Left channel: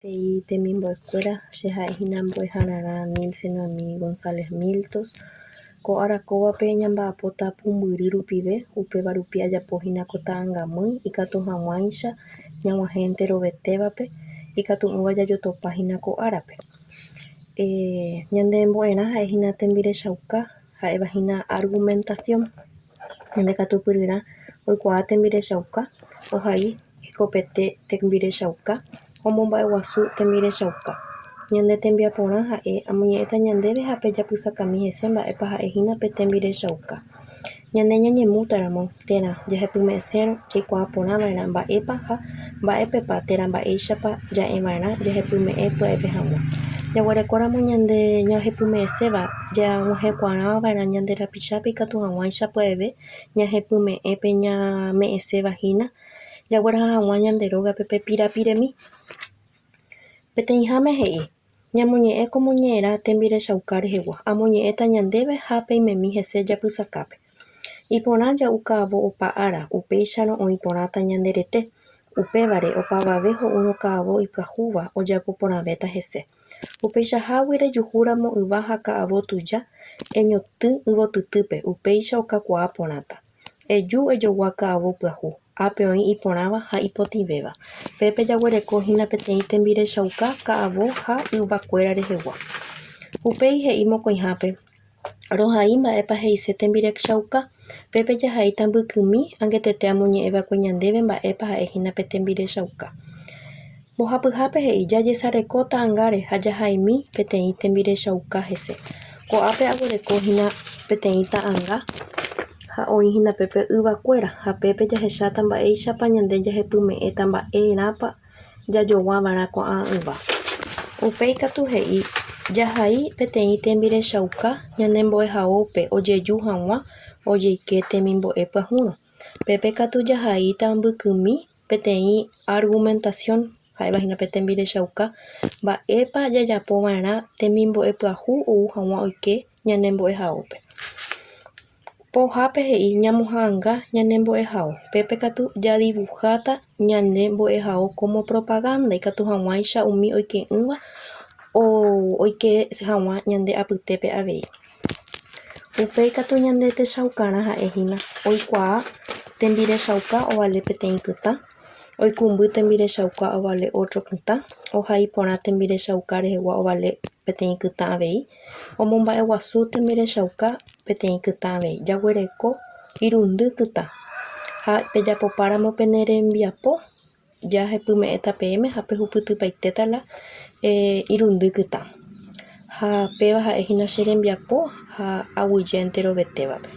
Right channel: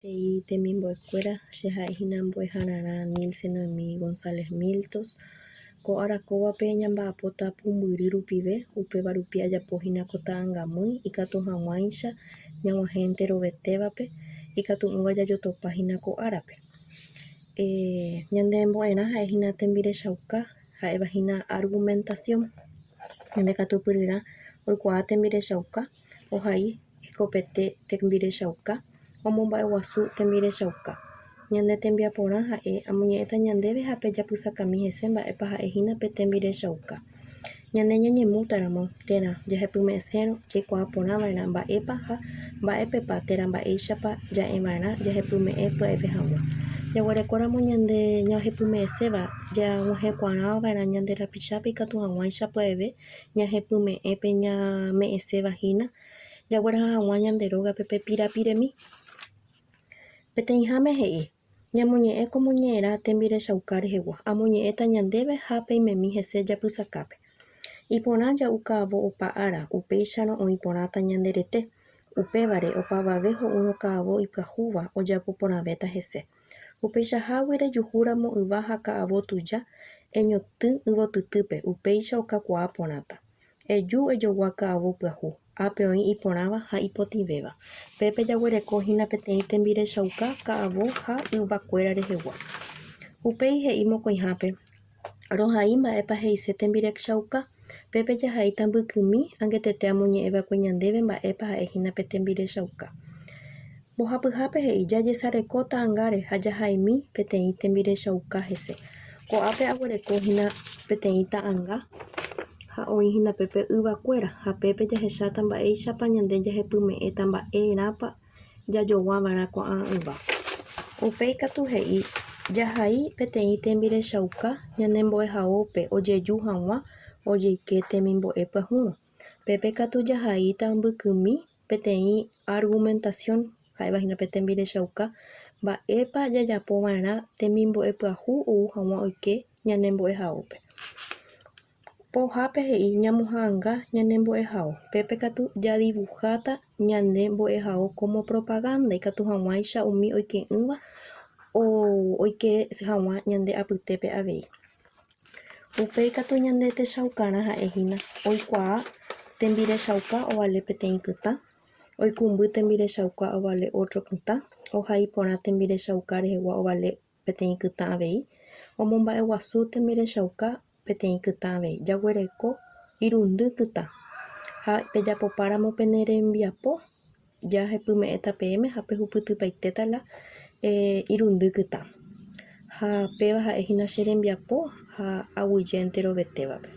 Temimbo'ekuéra che ha'ehína Mbo'ehararã Nilce Noemí González Miltos ko arakóvape ñamba'apóta Pumbyry rupive upéva rupi ajapohína ko ta'ãngamýi ikatu hag̃uáicha ñag̃uahẽnte rovetévape ikatu'ỹva jajotopahína ko árape. Ñande mbo'erã ha'ehína tembirechauka ha'evahína argumentación. Ñande katupyryrã oikuaa tembirechauka ohai hekopete tembirechauka omomba'eguasu tembirechauka. Ñande tembiaporã ha'e amoñe'ẽta ñandéve ha pe japysakami hese mba'épa ha'ehína pe tembirechauka. Ñande ñañemútaramo térã jahepyme'ẽsérõ jaikuaa porãva'erã mba'épa ha mba'épepa térã mba'éichapa ja'eva'erã jahepyme'ẽ pya'épe hag̃ua. Jaguerekóramo ñande ñahepyme'ẽséva ñag̃uahẽkuaava'erã ñande rapichápe ikatu hag̃uáicha pya'eve ñahepyme'ẽpe ñame'ẽsevahína jagueraha hag̃ua ñande rógape pe pirapiremi. Peteĩháme he'i ñamoñe'ẽ ko moñe'ẽrã tembirechauka rehegua. Amoñe'ẽta ñandéve ha peimemi hese japysakápe. Iporã ja'u ka'avo opa ára upéicharõ oĩ porãta ñande rete. Upévare opavave ho'úrõ ka'avo ipyahúva ojapo porãvéta hese. Upeichahágui rejuhúramo yva ha ka'avo tuja eñotỹ yvotytýpe upéicha okakuaa porãta. Eju ejogua ka'avo pyahu ápe oĩ iporãva ha ipotivéva. Pépe jaguerekohína peteĩ tembirechauka ka'avo ha yvakuéra rehegua. Upéi he'i mokõihápe rohai mba'épa he'ise tembirechauka. Pépe jahaíta mbykymi angetete amoñe'ẽva'ekue ñandéve mba'épa ha'ehína pe tembirechauka. Mbohapyhápe he'i jajesareko ta'ãngáre ha jahaimi peteĩ tembirechauka hese. Ko'ápe aguerekóhína peteĩ ta'ãnga ha oĩhína pépe yvakuéra ha pépe jahecháta mba'éichapa ñande jahepyme'ẽta mba'érãpa jajoguáva'erã ko'ã yva. Upéi katu he'i jahai peteĩ tembirechauka ñanembo'ehaópe ojeju hag̃ua ojeike temimbo'e pyahúrõ. Pépe katu jahaíta mbykymi peteĩ argumentación ha'evahína pe tembirechauka mba'épa jajapova'erã temimbo'e pyahu ou hag̃ua oike ñanembo'ehaópe. Pohápe he'i ñamohãnga ñanembo'ehao. Pépe katu jadibujáta ñanembo'ehao como propaganda ikatu hag̃uáicha umi oike'ỹva oike hag̃ua ñande apytépe avei. Upéi katu ñande techaukarã ha'ehína oikuaa tembirechauka ovale peteĩ kytã, oikũmby tembirechauka ovale otro kytã, ohai porã tembirechauka rehegua ovale peteĩ kytã avei, omomba'eguasu tembirechauka peteĩ kytã avei. Jaguereko irundy kytã ha pejapopáramo pene rembiapo jahepyme'ẽta peẽme ha pehupytypaitétala irundy kytã. Ha péva ha'ehína che rembiapo ha aguyjénte rovetévape.